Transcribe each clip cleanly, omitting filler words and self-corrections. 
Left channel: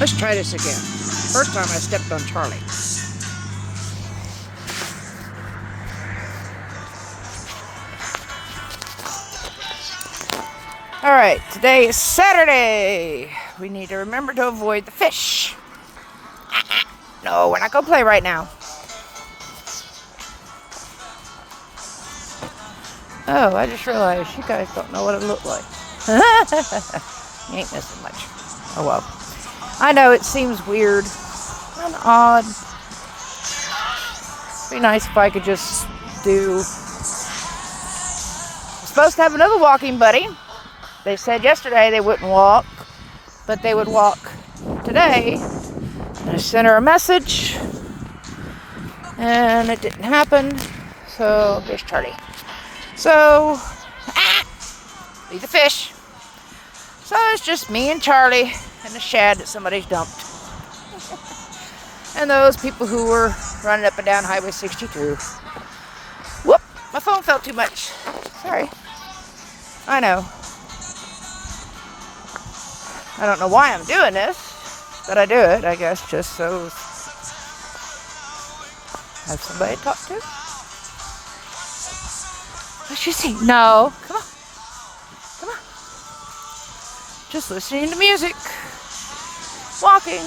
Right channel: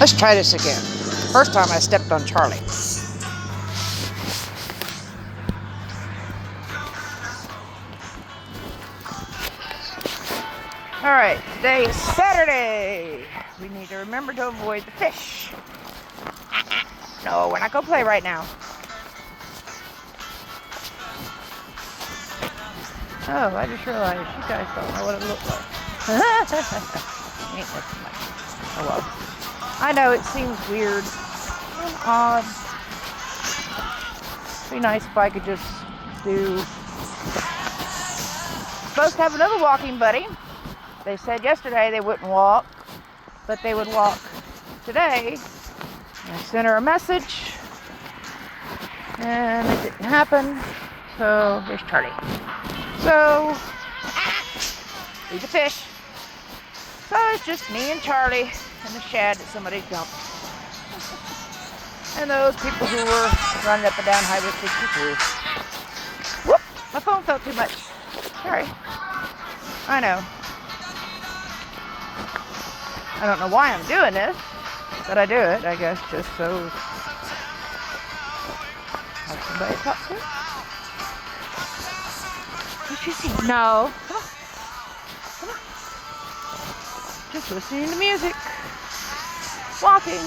Let's try this again. First time I stepped on Charlie. Alright, today is Saturday. We need to remember to avoid the fish. No, we're not going to play right now. Oh, I just realized you guys don't know what it looked like. You ain't missing much. Oh well. I know it seems weird and odd. It'd be nice if I could just do... Supposed to have another walking buddy. They said yesterday they wouldn't walk, but they would walk today. And I sent her a message, and it didn't happen. So here's Charlie. So, eat the fish. So it's just me and Charlie and the shad that somebody's dumped. And those people who were running up and down Highway 62. Whoop! My phone felt too much. Sorry. I know. I don't know why I'm doing this, but I do it, I guess, just so I have somebody to talk to. What you see? No. Come on. Come on. Just listening to music. Walking.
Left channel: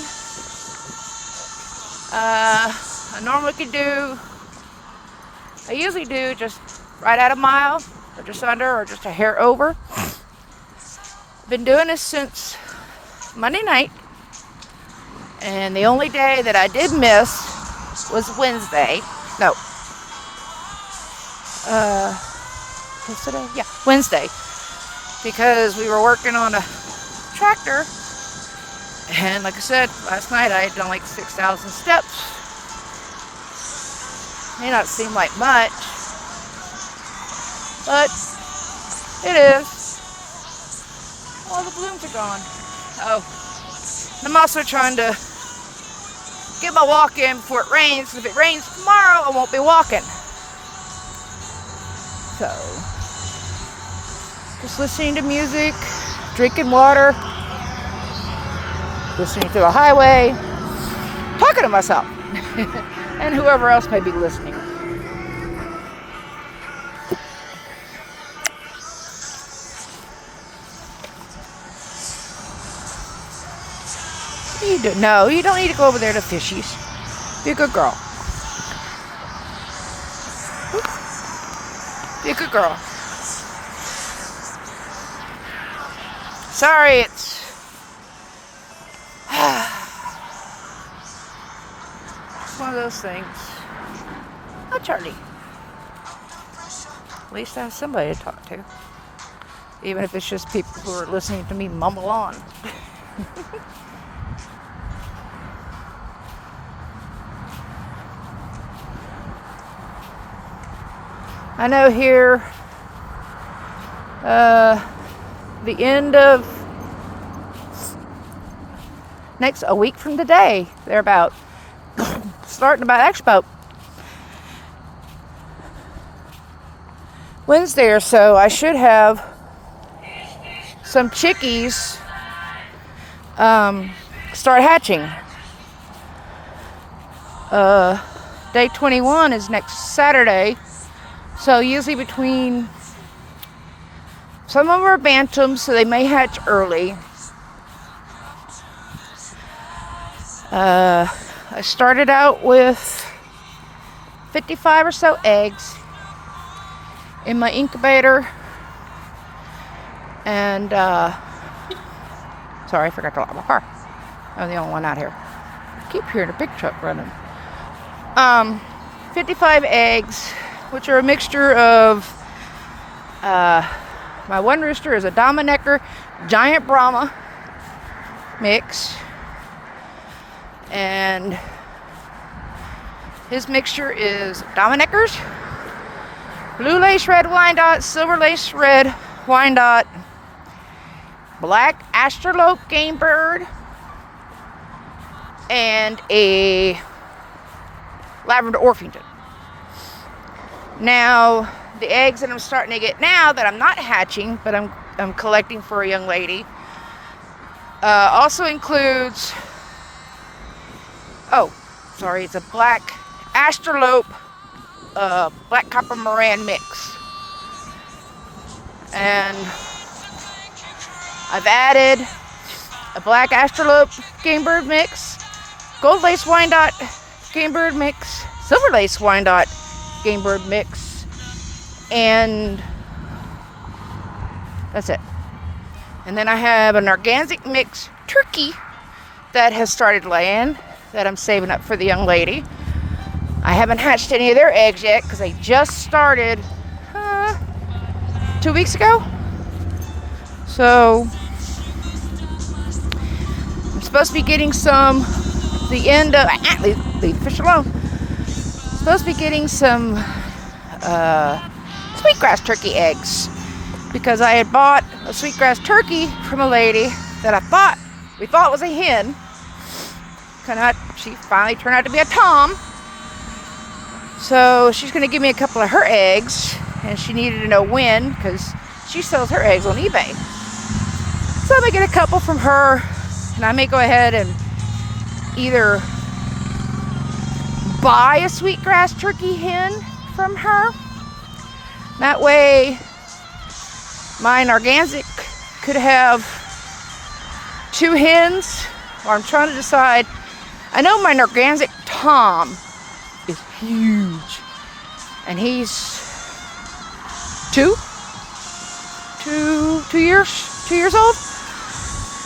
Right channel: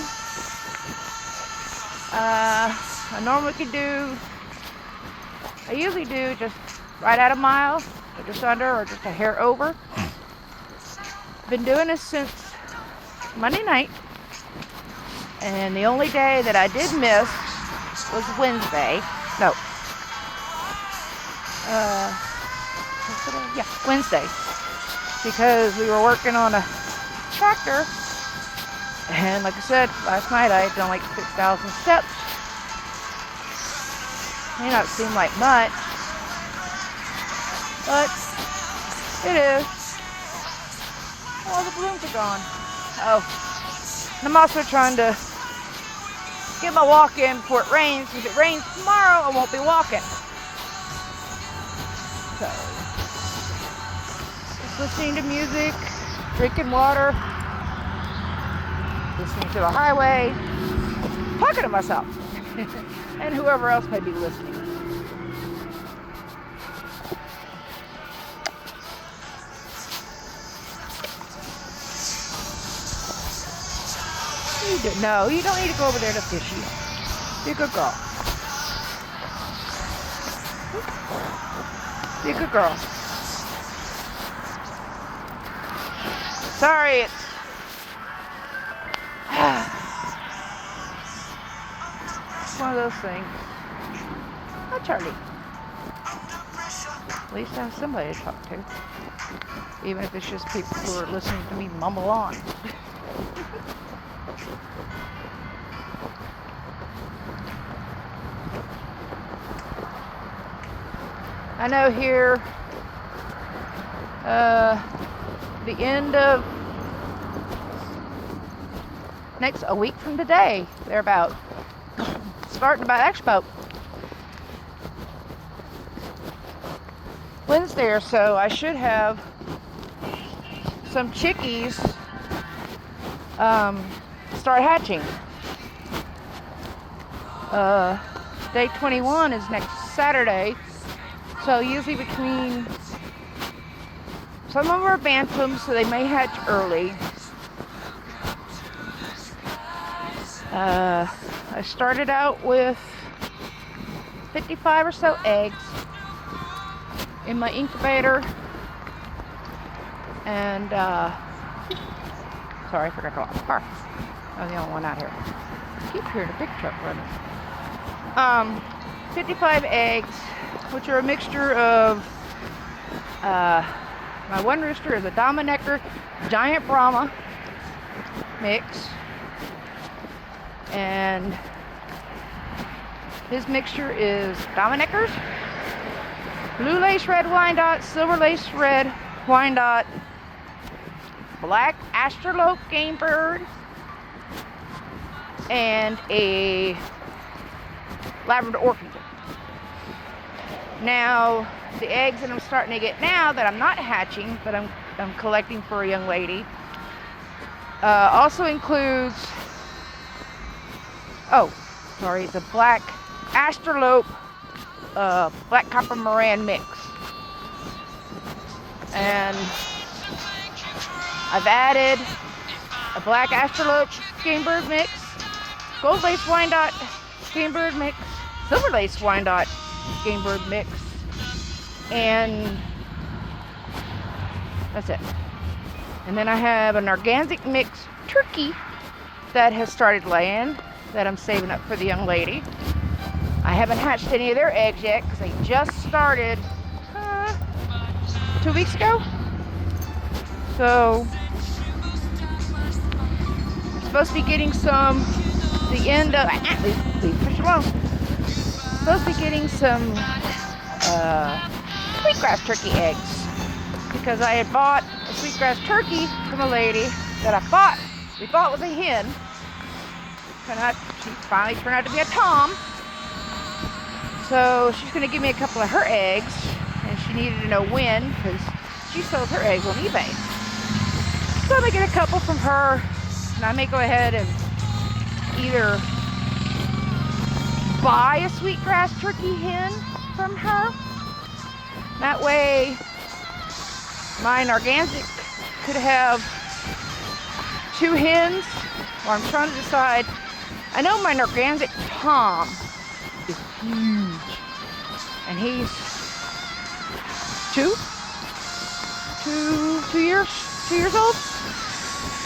I normally could do, I usually do just right at a mile, or just under, or just a hair over. Been doing this since Monday night, and the only day that I did miss was Wednesday. No. Yesterday? Yeah, Wednesday. Because we were working on a tractor, and like I said, last night I had done like 6,000 steps. May not seem like much, but it is. All the blooms are gone. Oh, and I'm also trying to get my walk in before it rains. If it rains tomorrow, I won't be walking. So, just listening to music, drinking water, listening to the highway, talking to myself, and whoever else may be listening. No, you don't need to go over there to fishies. Be a good girl. Be a good girl. Sorry, it's one of those things. Oh, Charlie. At least I have somebody to talk to. Even if it's just people who are listening to me mumble on. I know here, the end of a week from today, they're about starting about Wednesday or so, I should have some chickies start hatching. Day 21 is next Saturday. So usually between, some of them are bantams, so they may hatch early. I started out with 55 or so eggs in my incubator. And, sorry, I forgot to lock my car. I'm the only one out here. I keep hearing a big truck running. 55 eggs, which are a mixture of, my one rooster is a Dominecker Giant Brahma mix, and his mixture is Domineckers, Blue Lace Red Wyandotte, Silver Lace Red Wyandotte, Black Astrolope Game Bird, and a Lavender Orpington. Now, the eggs that I'm starting to get now that I'm not hatching, but I'm collecting for a young lady, also includes Oh, sorry, it's a black Astrolope, black copper Moran mix. And I've added a black Astrolope game bird mix, gold lace Wyandotte game bird mix, silver lace Wyandotte game bird mix, and that's it. And then I have an organic mix turkey that has started laying that I'm saving up for the young lady. I haven't hatched any of their eggs yet because they just started 2 weeks ago. So I'm supposed to be getting some the end of leave fish alone. Supposed to be getting some sweetgrass turkey eggs because I had bought a sweetgrass turkey from a lady that we thought was a hen. She finally turned out to be a tom. So she's going to give me a couple of her eggs, and she needed to know when because she sells her eggs on eBay. So I'm going to get a couple from her, and I may go ahead and either buy a sweetgrass turkey hen from her. That way my organic could have 2 hens, or I'm trying to decide. I know my organic tom is huge, and he's 2 years old.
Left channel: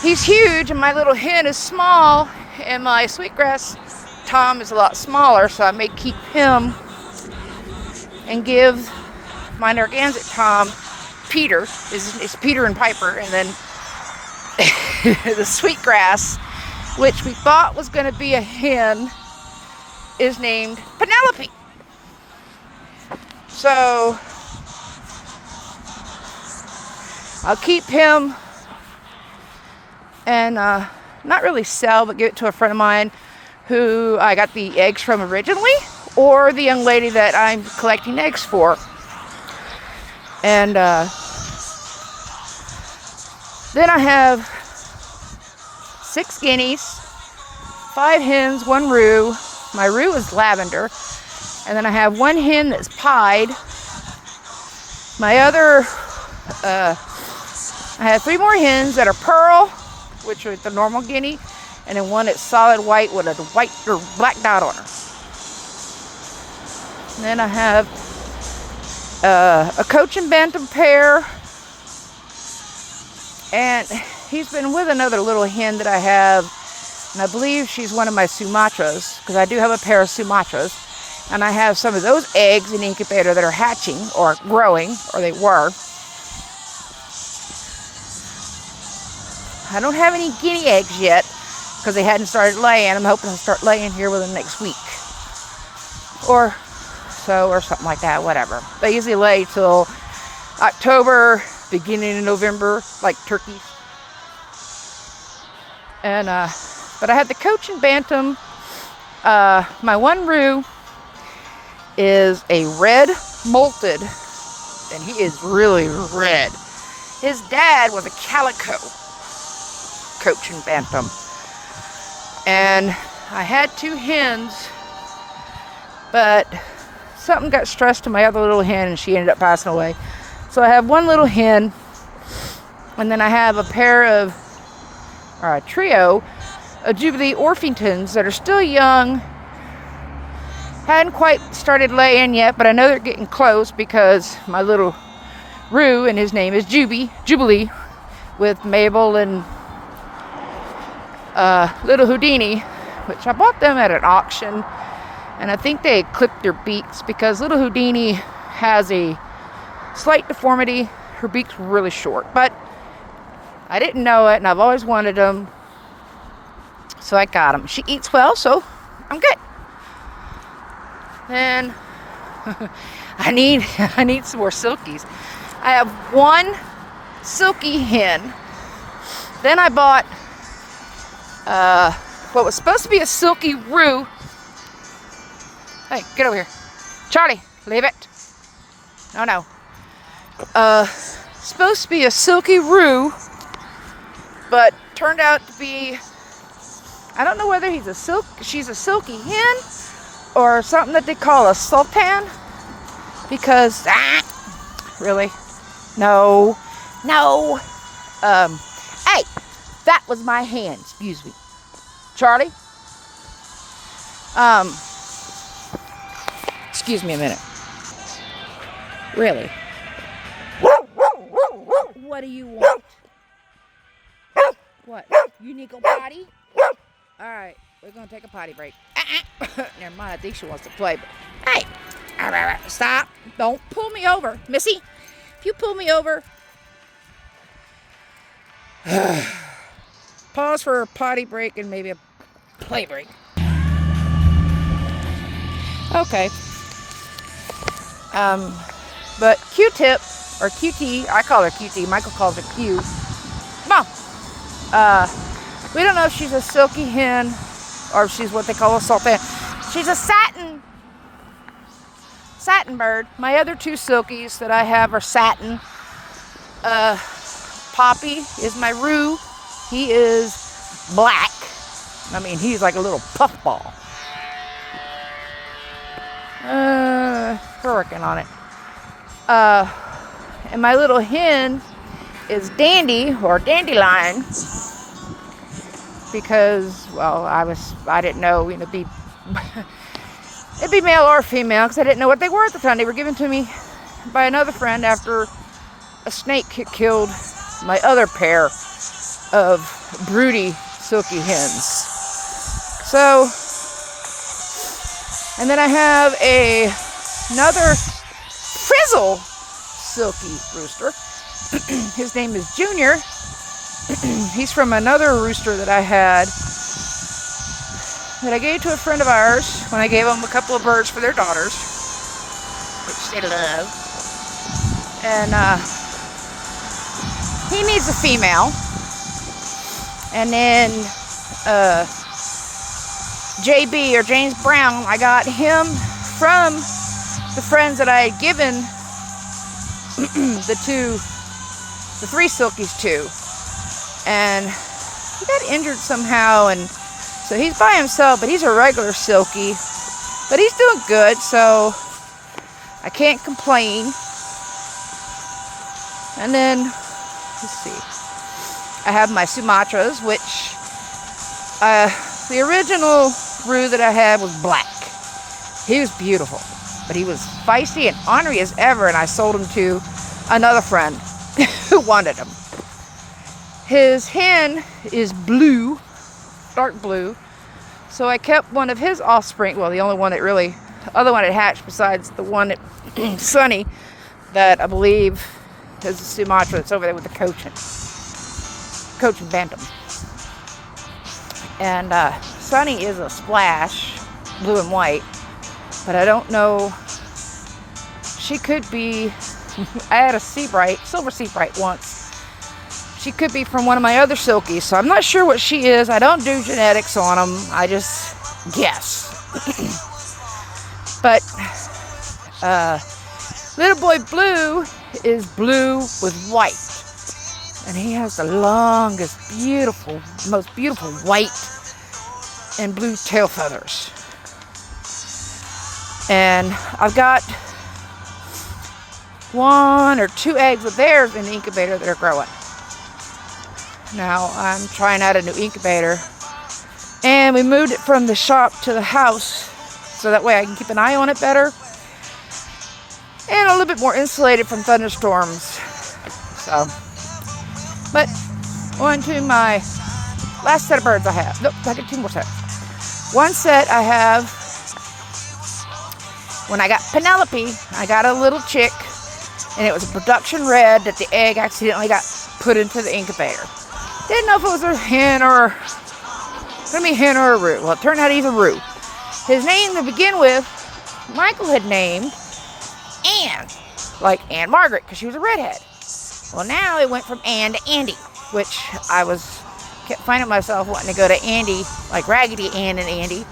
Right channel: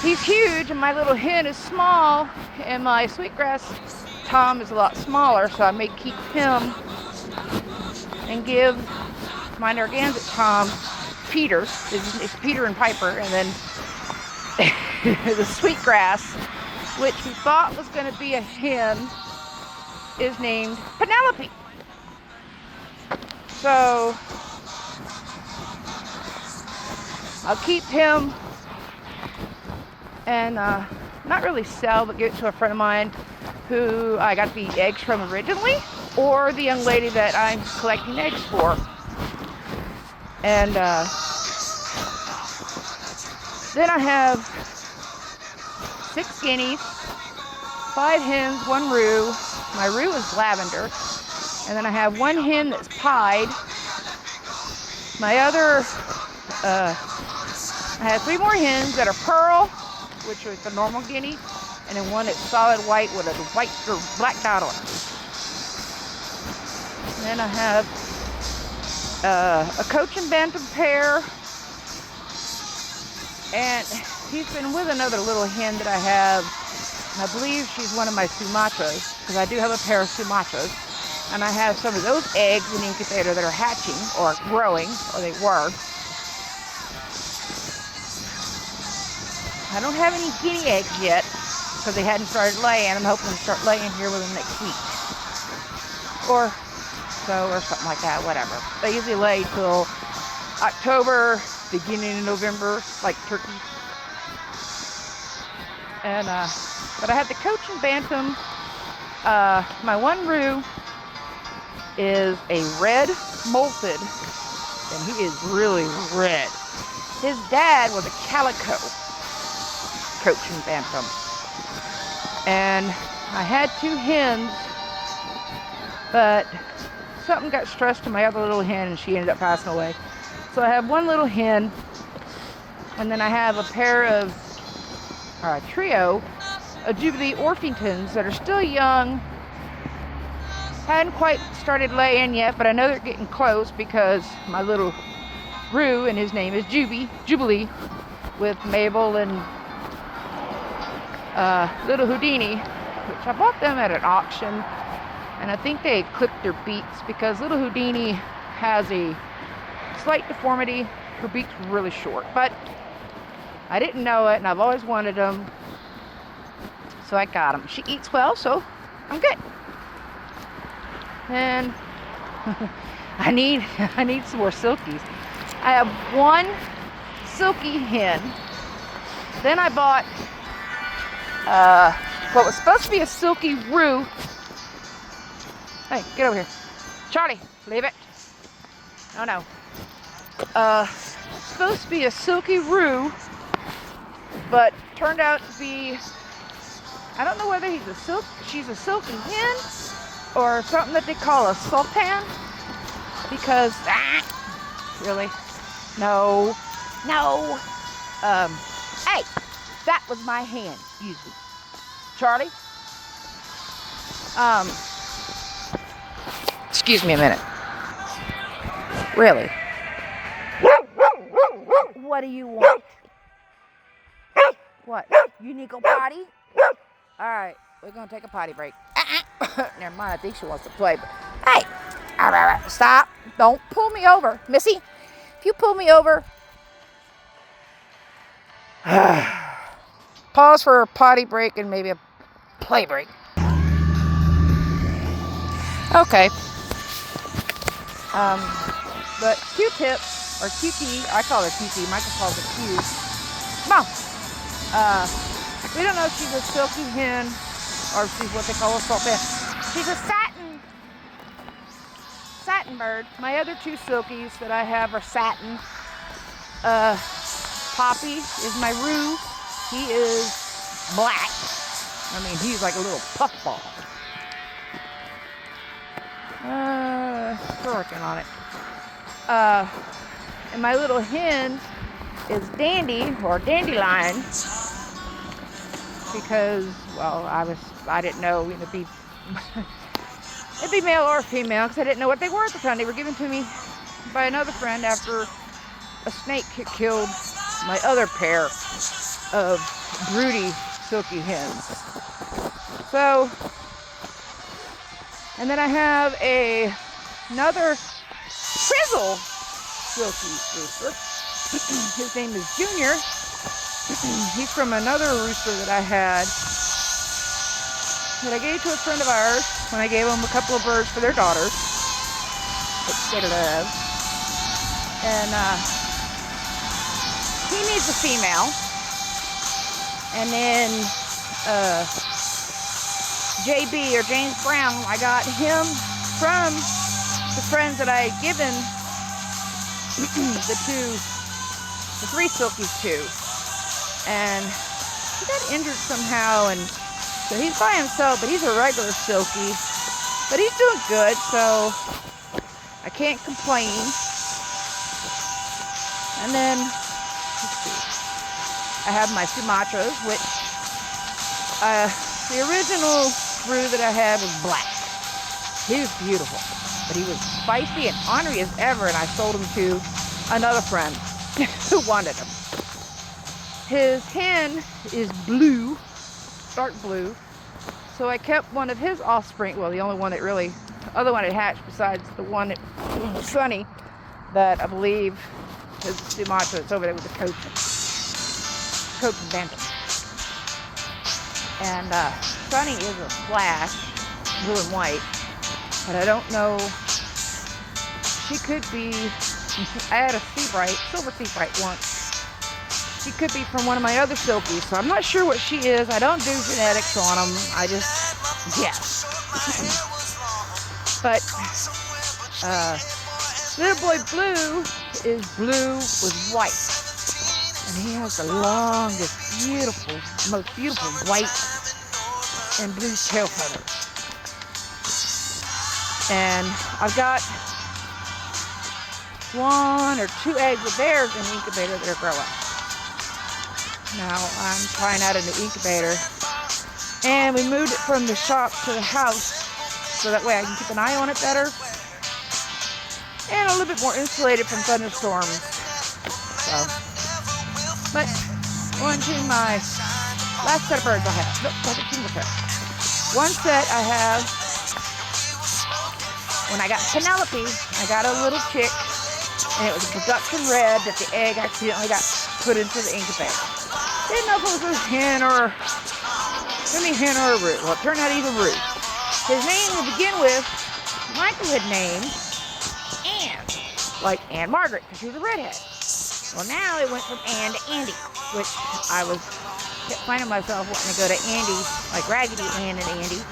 He's huge, and my little hen is small, and my sweetgrass tom is a lot smaller, so I may keep him and give my organic tom Peter. It's Peter and Piper, and then the sweetgrass, which we thought was going to be a hen, is named Penelope. So I'll keep him and not really sell, but give it to a friend of mine who I got the eggs from originally, or the young lady that I'm collecting eggs for. And then I have 6 guineas, 5 hens, 1 roux. My roux is lavender. And then I have 1 hen that's pied. My other, I have 3 more hens that are pearl, which are the normal guinea, and then 1 that's solid white with a white or black dot on her. And then I have a Cochin Bantam pair, and he's been with another little hen that I have, and I believe she's one of my Sumatras, because I do have a pair of Sumatras, and I have some of those eggs in the incubator that are hatching or growing, or they were. I don't have any guinea eggs yet because they hadn't started laying. I'm hoping to start laying here within the next week or so, or something like that, whatever. They usually lay till October, beginning of November, like turkeys. And but I had the Cochin Bantam. My 1 roux is a red molted, and he is really red. His dad was a calico Cochin Bantam, and I had 2 hens, but something got stressed to my other little hen, and she ended up passing away. So I have 1 little hen, and then I have a pair of a trio of Jubilee Orpingtons that are still young. Hadn't quite started laying yet, but I know they're getting close because my little roux, and his name is Jubilee, with Mabel and little Houdini, which I bought them at an auction, and I think they had clipped their beaks because little Houdini has a slight deformity. Her beak's really short, but I didn't know it, and I've always wanted them, so I got them. She eats well, so I'm good. And I need some more silkies. I have 1 silky hen. Then I bought what was supposed to be a silky roux. Hey, get over here. Charlie, leave it. Oh no. Supposed to be a silky roux, but turned out to be I don't know whether she's a silky hen or something that they call a sultan. Because, really? No. Hey, that was my hand. Excuse me. Charlie? Excuse me a minute. Really? What do you want? What? You need to go potty? Alright, we're going to take a potty break. Never mind, I think she wants to play, but hey! Stop. Don't pull me over. Missy, if you pull me over... Pause for a potty break and maybe a play break. Okay. But Q-Tip, or QT, I call her QT, Michael calls her Q. Come on. We don't know if she's a silky hen or if she's what they call a sultan. She's a satin bird. My other two silkies that I have are satin. Poppy is my roux. He is black. I mean, he's like a little puffball. We're working on it. And my little hen is Dandy, or Dandelion, because, well, I didn't know, it'd be male or female, because I didn't know what they were at the time. They were given to me by another friend after a snake killed my other pair of broody silky hens. So, and then I have another frizzle silky rooster. His name is Junior. He's from another rooster that I had that I gave to a friend of ours when I gave them a couple of birds for their daughters, which they love. And he needs a female. And then JB, or James Brown, I got him from the friends that I had given the three silkies to. And he got injured somehow, and so he's by himself, but he's a regular silky. But he's doing good, so I can't complain. And then, let's see, I have my Sumatras, which the original roux that I had was black. He was beautiful, but he was feisty and ornery as ever, and I sold him to another friend who wanted him. His hen is blue, dark blue, so I kept one of his offspring, well, the only one that really, other one that hatched besides the one that, Sunny, that I believe is a Sumatra that's over there with the Cochin Bantam. And Sunny is a splash, blue and white, but I don't know, she could be, I had a silver sea bright once. She could be from one of my other silkies, so I'm not sure what she is. I don't do genetics on them. I just guess. But little boy Blue is blue with white. And he has the longest, most beautiful white and blue tail feathers. And I've got 1 or 2 eggs of theirs in the incubator that are growing. Now I'm trying out a new incubator, and we moved it from the shop to the house so that way I can keep an eye on it better and a little bit more insulated from thunderstorms. So, but on to my last set of birds I have. Nope, I got 2 more sets. One set I have, when I got Penelope, I got a little chick, and it was a production red that the egg accidentally got put into the incubator. Didn't know if it was a hen or a roux. Well, it turned out he's a roux. His name to begin with, Michael had named Anne, like Anne Margaret, because she was a redhead. Well, now it went from Anne to Andy, which I kept finding myself wanting to go to Andy, like Raggedy Ann and Andy,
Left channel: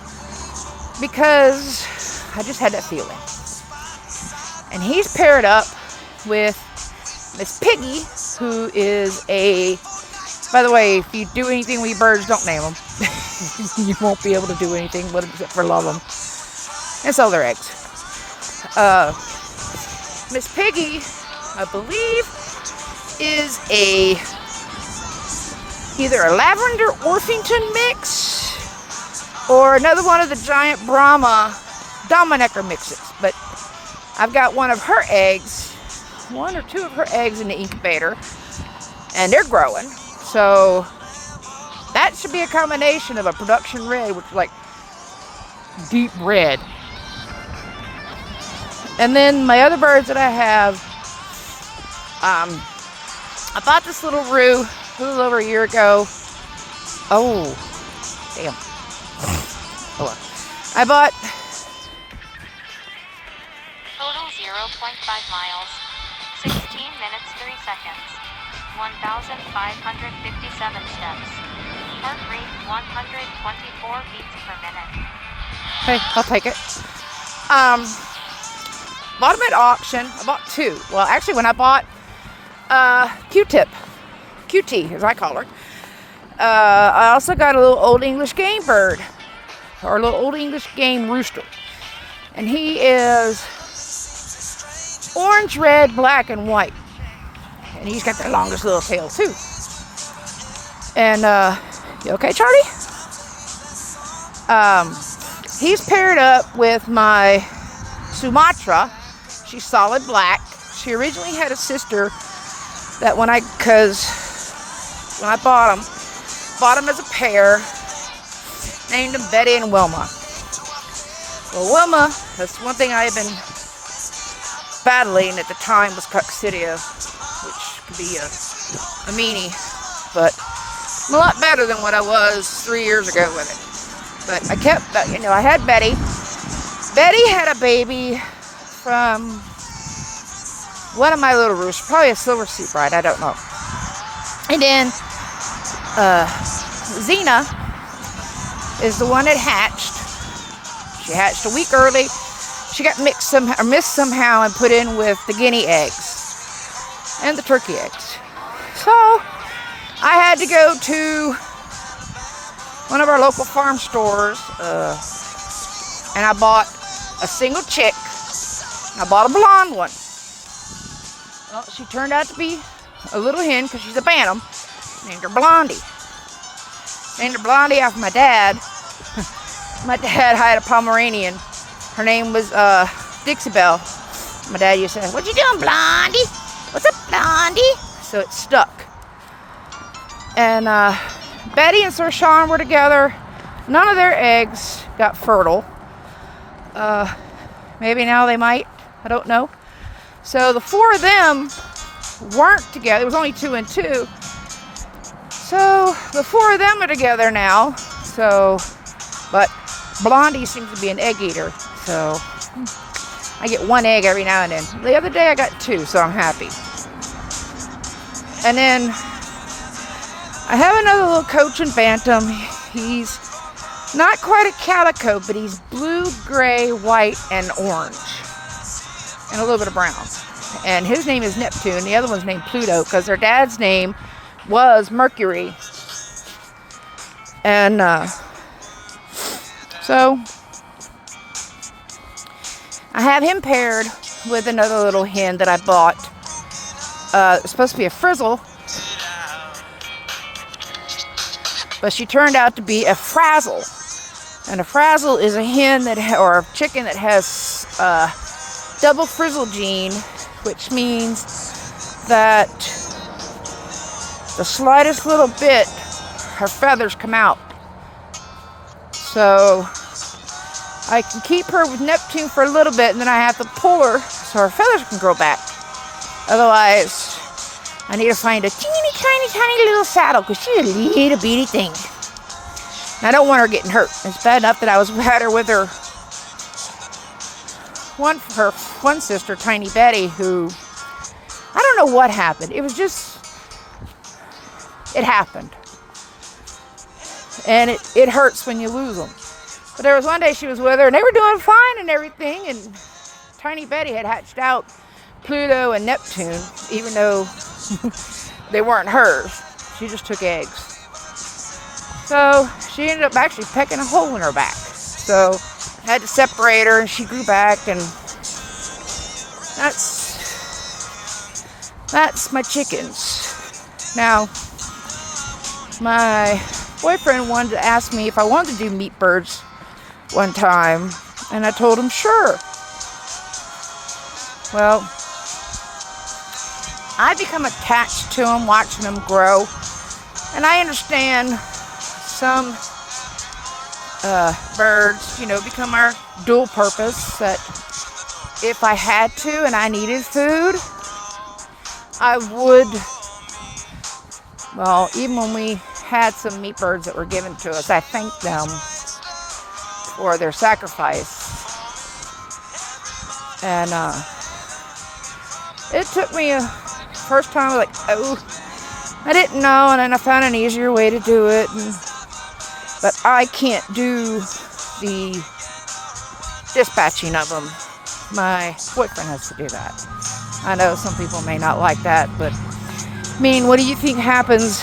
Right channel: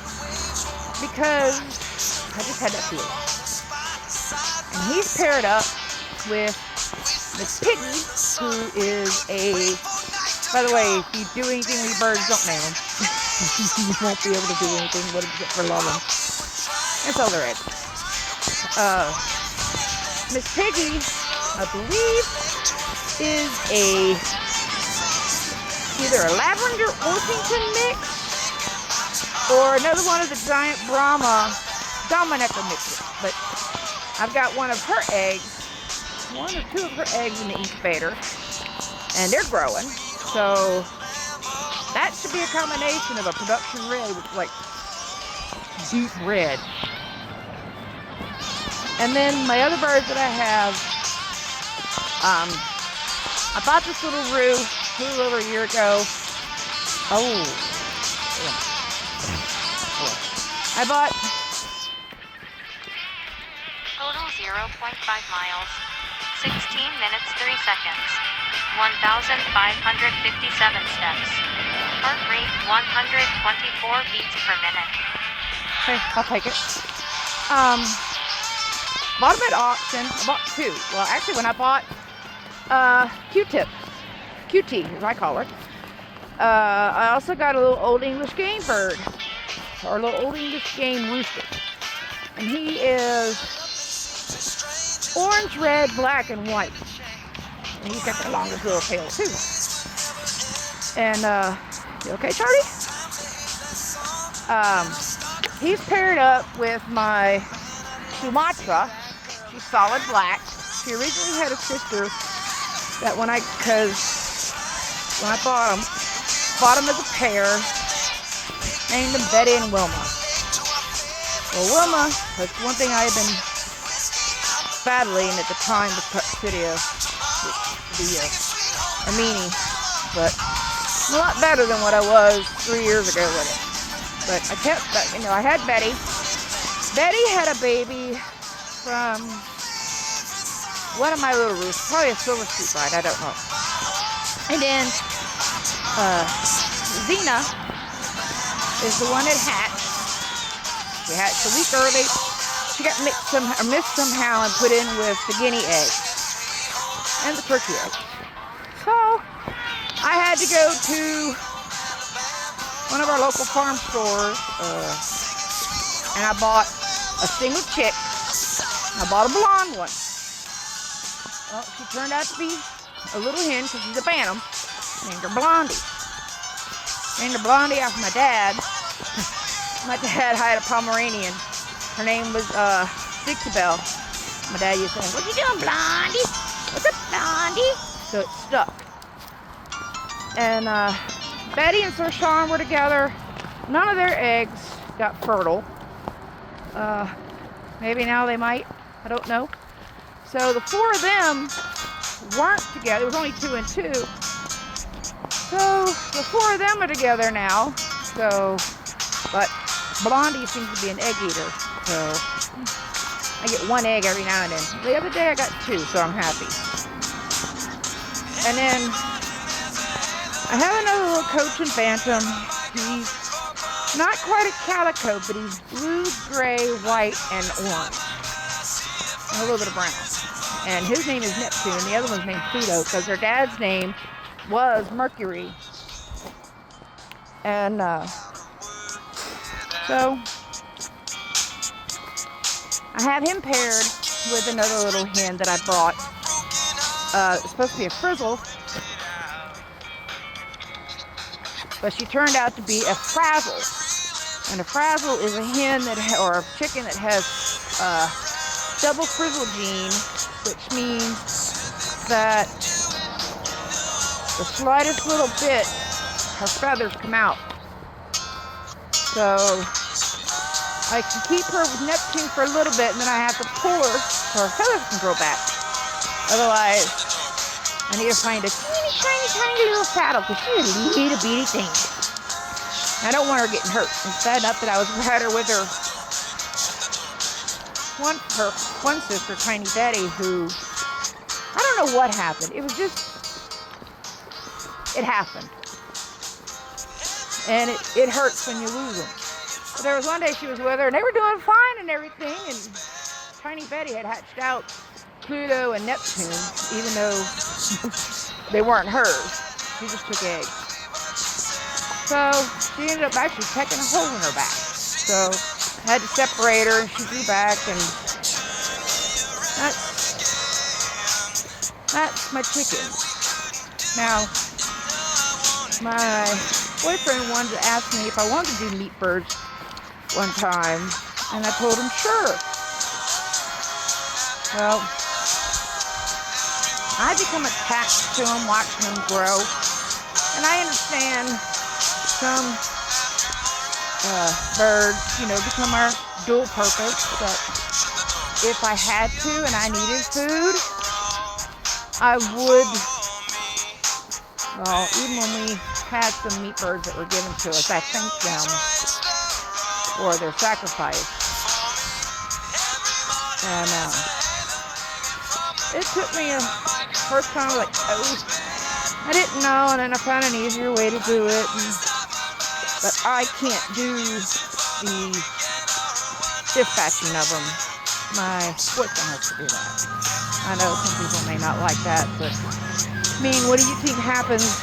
because I just had that feeling. And he's paired up with Miss Piggy, who is a By the way, if you do anything with your birds, don't name them. You won't be able to do anything but except for love them and sell their eggs. Miss Piggy, I believe, is either a Lavender Orpington mix or another one of the giant Brahma Dominecker mixes. But I've got one of her eggs, one or two of her eggs in the incubator, and they're growing. So that should be a combination of a production red, which is like deep red. And then my other birds that I have, I bought this little roo a little over a year ago. Oh, damn. Oh, I bought total 0.5 miles, 16 minutes 3 seconds. 1,557 steps. Heart rate 124 beats per minute. Hey, I'll take it. Bought them at auction. I bought two. Well, actually, when I bought Q-Tip, QT as I call her, I also got a little Old English game bird, or a little Old English game rooster, and he is orange, red, black, and white. And he's got the longest little tail too. And you okay, Charlie? He's paired up with my Sumatra. She's solid black. She originally had a sister that when I bought them as a pair, named them Betty and Wilma. Well, Wilma, that's one thing I had been battling at the time, was coccidia, which could be a meanie, but I'm a lot better than what I was 3 years ago with it. But I kept, I had Betty. Betty had a baby from one of my little roosters, probably a silver sea bride, I don't know. And then Xena is the one that hatched. She hatched a week early. She got missed somehow and put in with the guinea eggs and the turkey eggs. So I had to go to one of our local farm stores and I bought a single chick. I bought a blonde one. Well, she turned out to be a little hen because she's a bantam. Named her Blondie. Named her Blondie after my dad. My dad had a Pomeranian. Her name was Dixie Belle. My dad used to say, "What you doing, Blondie? What's up, Blondie?" So it stuck. And Betty and Sir Sean were together. None of their eggs got fertile. Maybe now they might. I don't know. So the four of them weren't together. It was only 2 and 2. So the four of them are together now. So, but Blondie seems to be an egg eater. So I get one egg every now and then. The other day I got 2, so I'm happy. And then I have another little Cochin Bantam. He's not quite a calico, but he's blue, gray, white, and orange. And a little bit of brown. And his name is Neptune. The other one's named Pluto because their dad's name was Mercury. And so I have him paired with another little hen that I bought. It's supposed to be a frizzle, but she turned out to be a frazzle. And a frazzle is a hen or a chicken that has double frizzle gene, which means that the slightest little bit, her feathers come out. So I can keep her with Neptune for a little bit, and then I have to pull her so her feathers can grow back. Otherwise, I need to find a teeny, tiny little saddle because she's a little bitty thing. I don't want her getting hurt. It's bad enough that I had her with her one sister, Tiny Betty, who I don't know what happened. It was just, it happened. And it hurts when you lose them. But there was one day she was with her and they were doing fine and everything, and Tiny Betty had hatched out Pluto and Neptune, even though they weren't hers. She just took eggs. So she ended up actually pecking a hole in her back. So I had to separate her, and she grew back, and that's my chickens. Now, my boyfriend wanted to ask me if I wanted to do meat birds one time, and I told him sure. Well, I become attached to them, watching them grow, and I understand some birds, become our dual purpose, that if I had to and I needed food, I would. Well, even when we had some meat birds that were given to us, I thanked them for their sacrifice. And it took me first time, I was like, I didn't know, and then I found an easier way to do it. But I can't do the dispatching of them. My boyfriend has to do that. I know some people may not like that, but I mean, what do you think happens?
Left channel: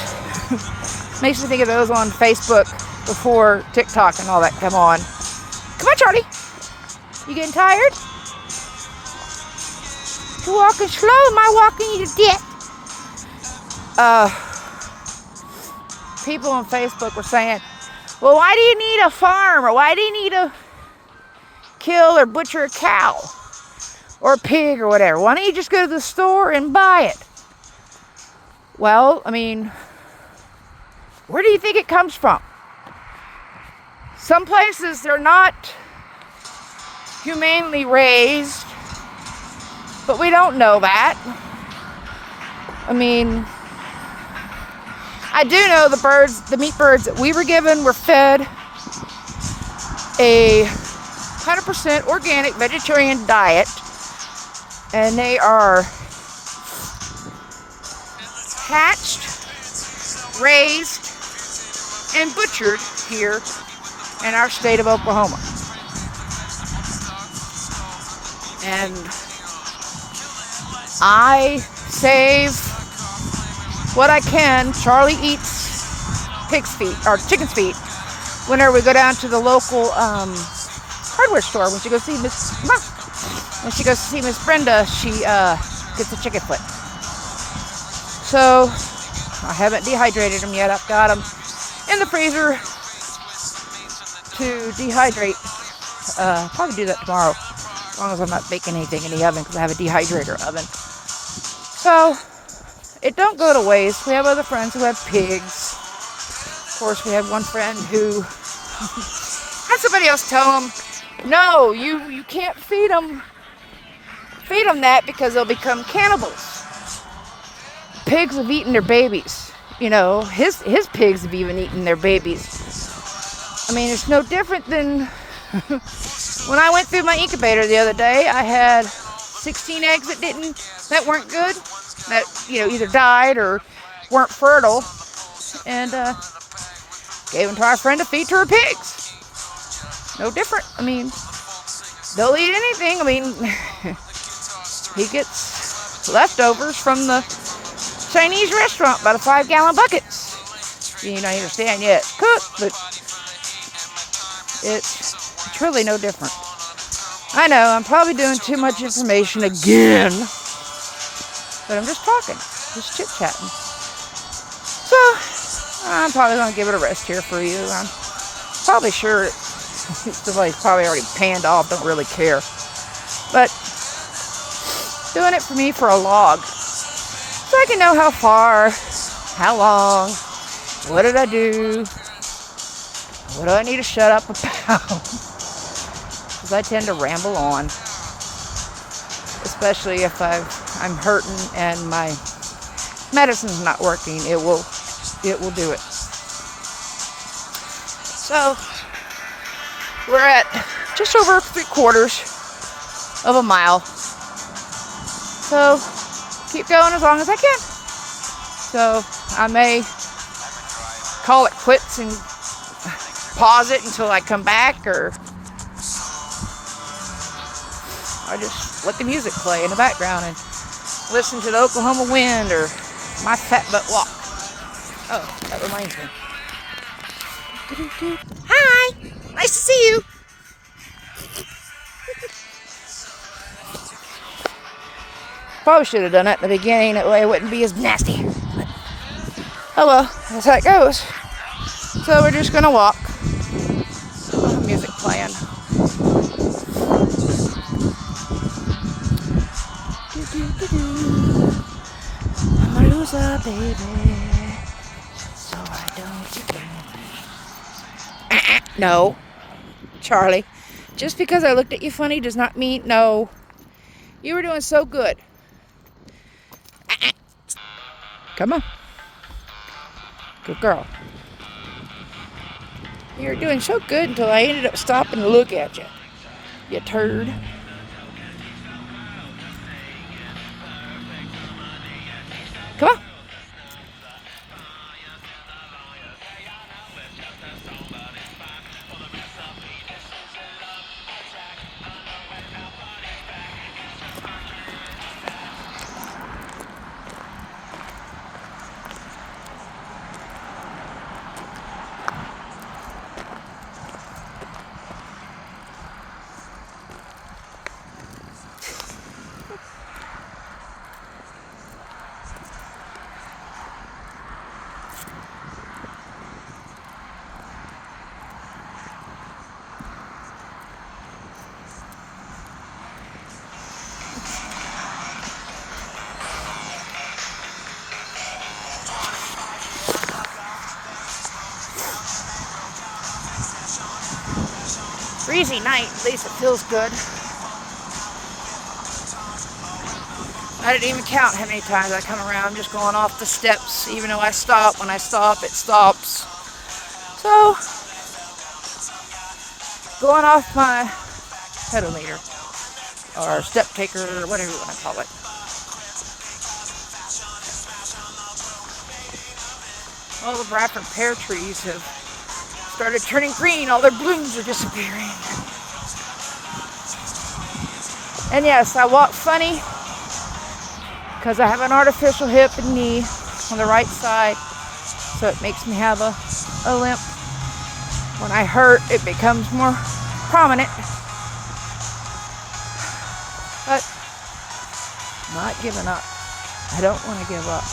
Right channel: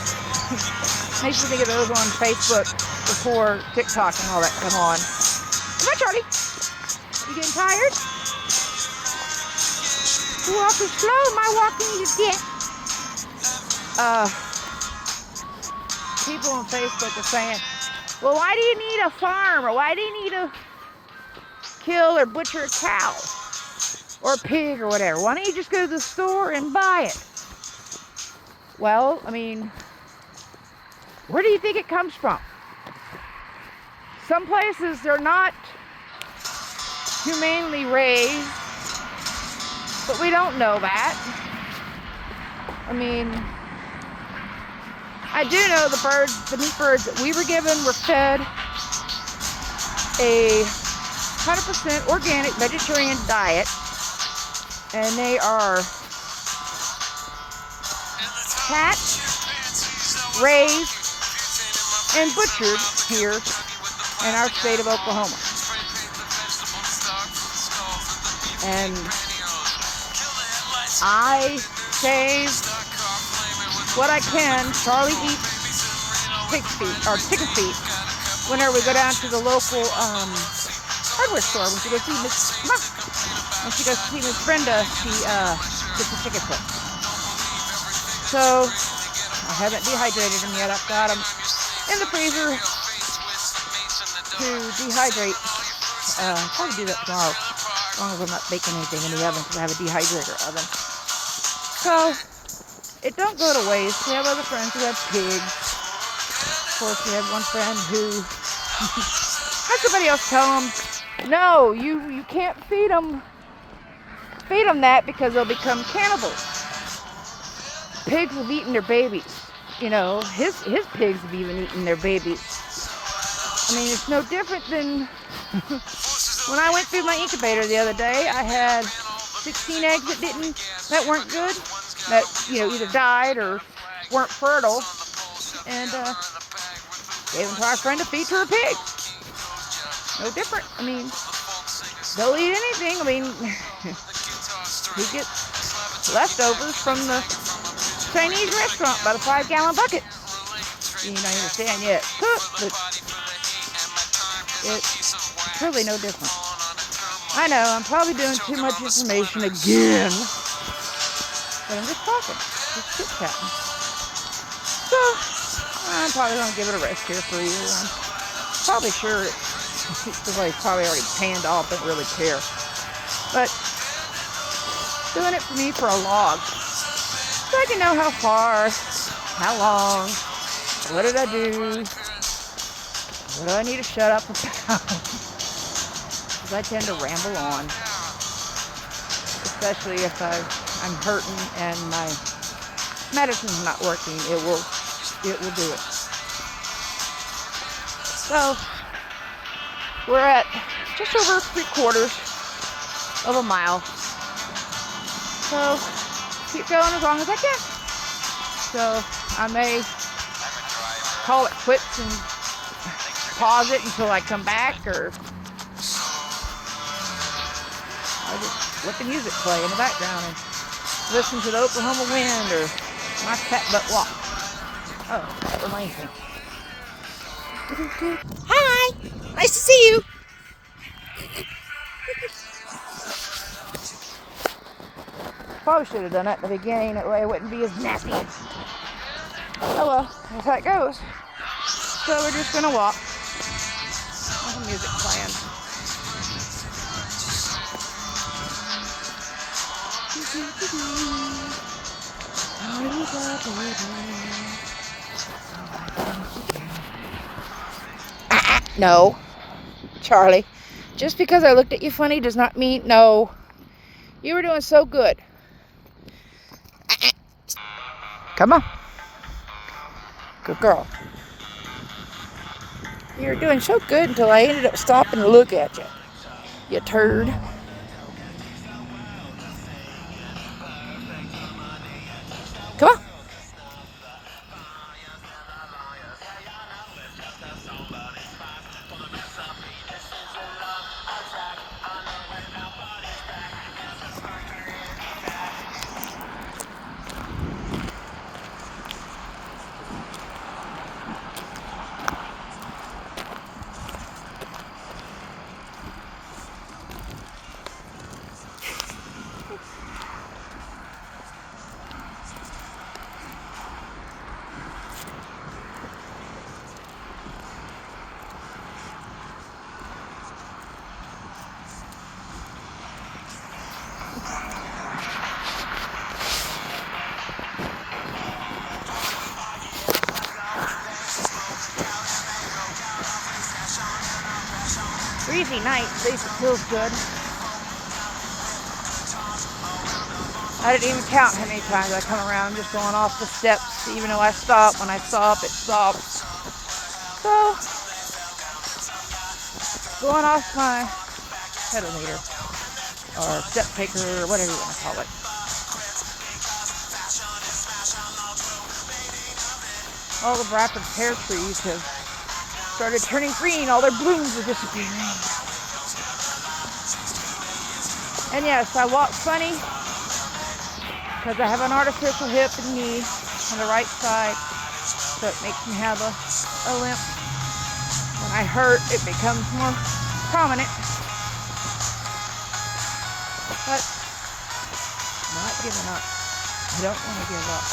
Makes me think of those on Facebook before TikTok and all that come on. Come on, Charlie. You getting tired? You're walking slow. Am I walking you to death? People on Facebook were saying, well, why do you need a farm? Or why do you need to kill or butcher a cow or a pig or whatever? Why don't you just go to the store and buy it? Well, I mean, where do you think it comes from? Some places they're not humanely raised, but we don't know that. I mean, I do know the meat birds that we were given were fed a 100% organic vegetarian diet, and they are hatched, raised, and butchered here in our state of Oklahoma. And I save what I can. Charlie eats pig's feet or chicken's feet whenever we go down to the local hardware store. When she goes see Miss Brenda, she gets a chicken foot. So I haven't dehydrated them yet. I've got them in the freezer to dehydrate. Probably do that tomorrow, as long as I'm not baking anything in the oven, because I have a dehydrator oven. So it don't go to waste. We have other friends who have pigs. Of course, we have one friend who had somebody else tell him, no, you can't feed them that, because they'll become cannibals. Pigs have eaten their babies. His pigs have even eaten their babies. I mean, it's no different than when I went through my incubator the other day. I had 16 eggs that weren't good, that either died or weren't fertile, and gave them to our friend to feed to her pigs. No different. I mean, they'll eat anything. I mean, he gets leftovers from the Chinese restaurant, about a 5-gallon buckets. I understand, yeah, it's cooked, but it's really no different. I know, I'm probably doing too much information again, but I'm just talking, just chit-chatting. So, I'm probably going to give it a rest here for you. I'm probably sure somebody's probably already panned off, don't really care. But, doing it for me for a log, so I can know how far, how long, what did I do, what do I need to shut up about, because I tend to ramble on, especially if I'm hurting and my medicine's not working. It will do it. So we're at just over 3/4 of a mile, so keep going as long as I can. So I may call it quits and pause it until I come back, or I just let the music play in the background and listen to the Oklahoma wind or my fat butt walk. Oh, that reminds me. Hi! Nice to see you! Probably should have done it in the beginning, that way it wouldn't be as nasty. Oh well, that's how it goes. So we're just gonna walk. Music playing. I'm a loser, baby. So I don't care. No, Charlie. Just because I looked at you funny does not mean no. You were doing so good. Come on. Good girl. You were doing so good until I ended up stopping to look at you. You turd. Come on. Breezy night, at least it feels good. I didn't even count how many times I come around. I'm just going off the steps, even though I stop. When I stop, it stops. So, going off my pedometer, or step taker, or whatever you want to call it. All the Bradford pear trees have started turning green. All their blooms are disappearing. And yes, I walk funny because I have an artificial hip and knee on the right side, so it makes me have a limp. When I hurt, it becomes more prominent. But not giving up. I don't want to give up.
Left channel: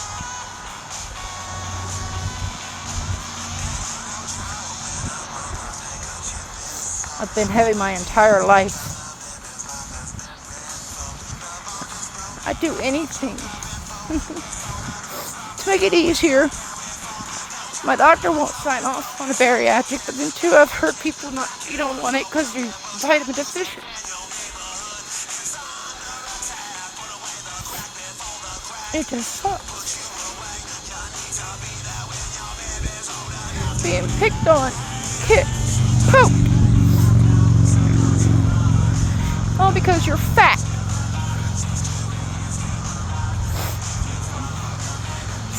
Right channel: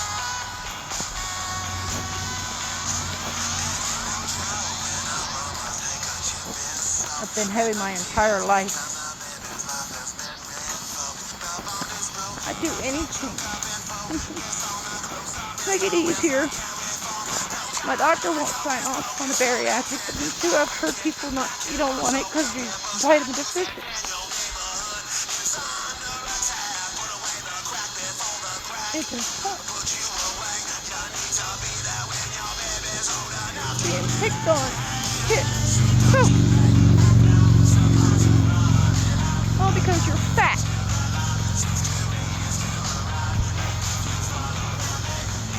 I've been heavy my entire life. I'd do anything to make it easier. My doctor won't sign off on a bariatric, but then too, I've heard people you don't want it because you're vitamin deficient. It just sucks. Being picked on, kicked, poked. All because you're fat.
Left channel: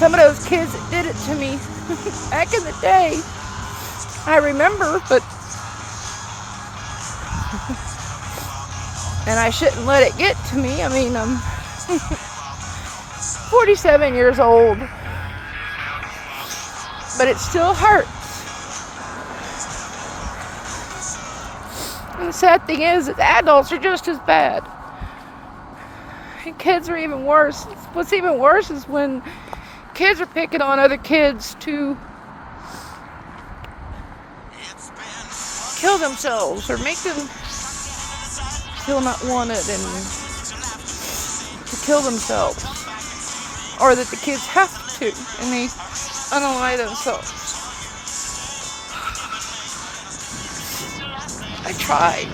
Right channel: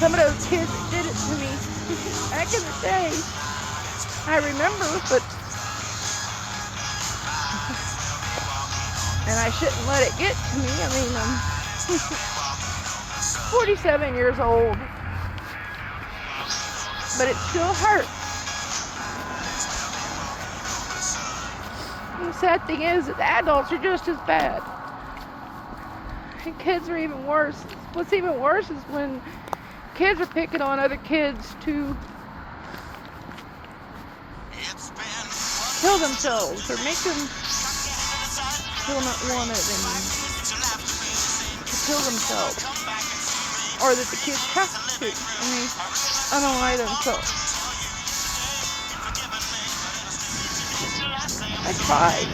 Some of those kids that did it to me back in the day, I remember, but and I shouldn't let it get to me. I mean, I'm 47 years old, but it still hurts. And the sad thing is that adults are just as bad. And kids are even worse. What's even worse is when kids are picking on other kids to kill themselves or make them feel not wanted and to kill themselves, or that the kids have to and they unalive themselves. I tried.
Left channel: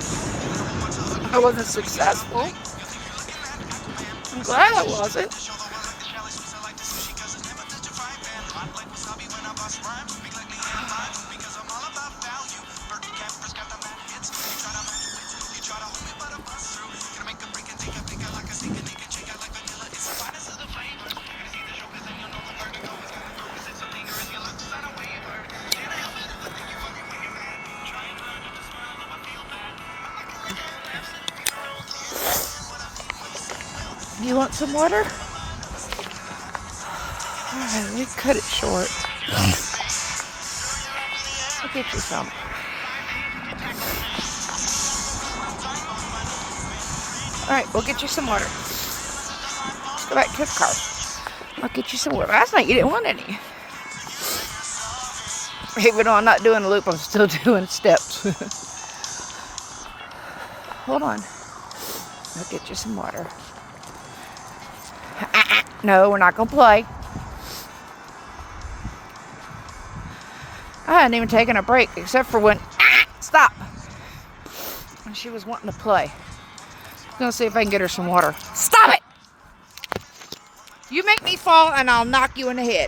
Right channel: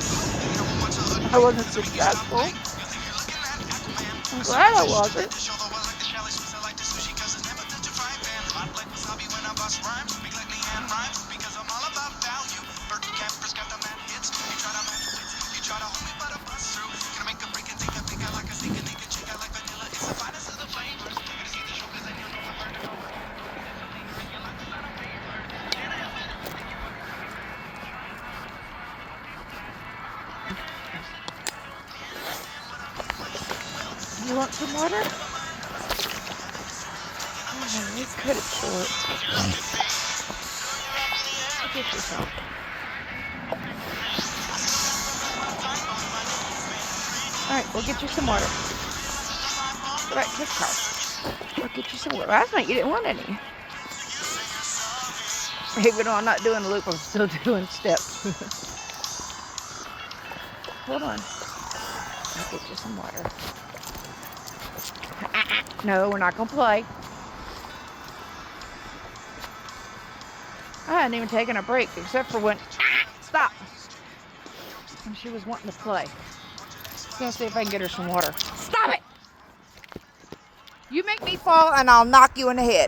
I wasn't successful. I'm glad I wasn't. You want some water? Alright. We cut it short. I'll get you some. Alright, we'll get you some water. Go back to the car. I'll get you some water. Last night you didn't want any. Even though I'm not doing a loop, I'm still doing steps. Hold on. I'll get you some water. No, we're not going to play. I hadn't even taken a break except for when... Stop! When she was wanting to play. I'm going to see if I can get her some water. Stop it! You make me fall and I'll knock you in the head.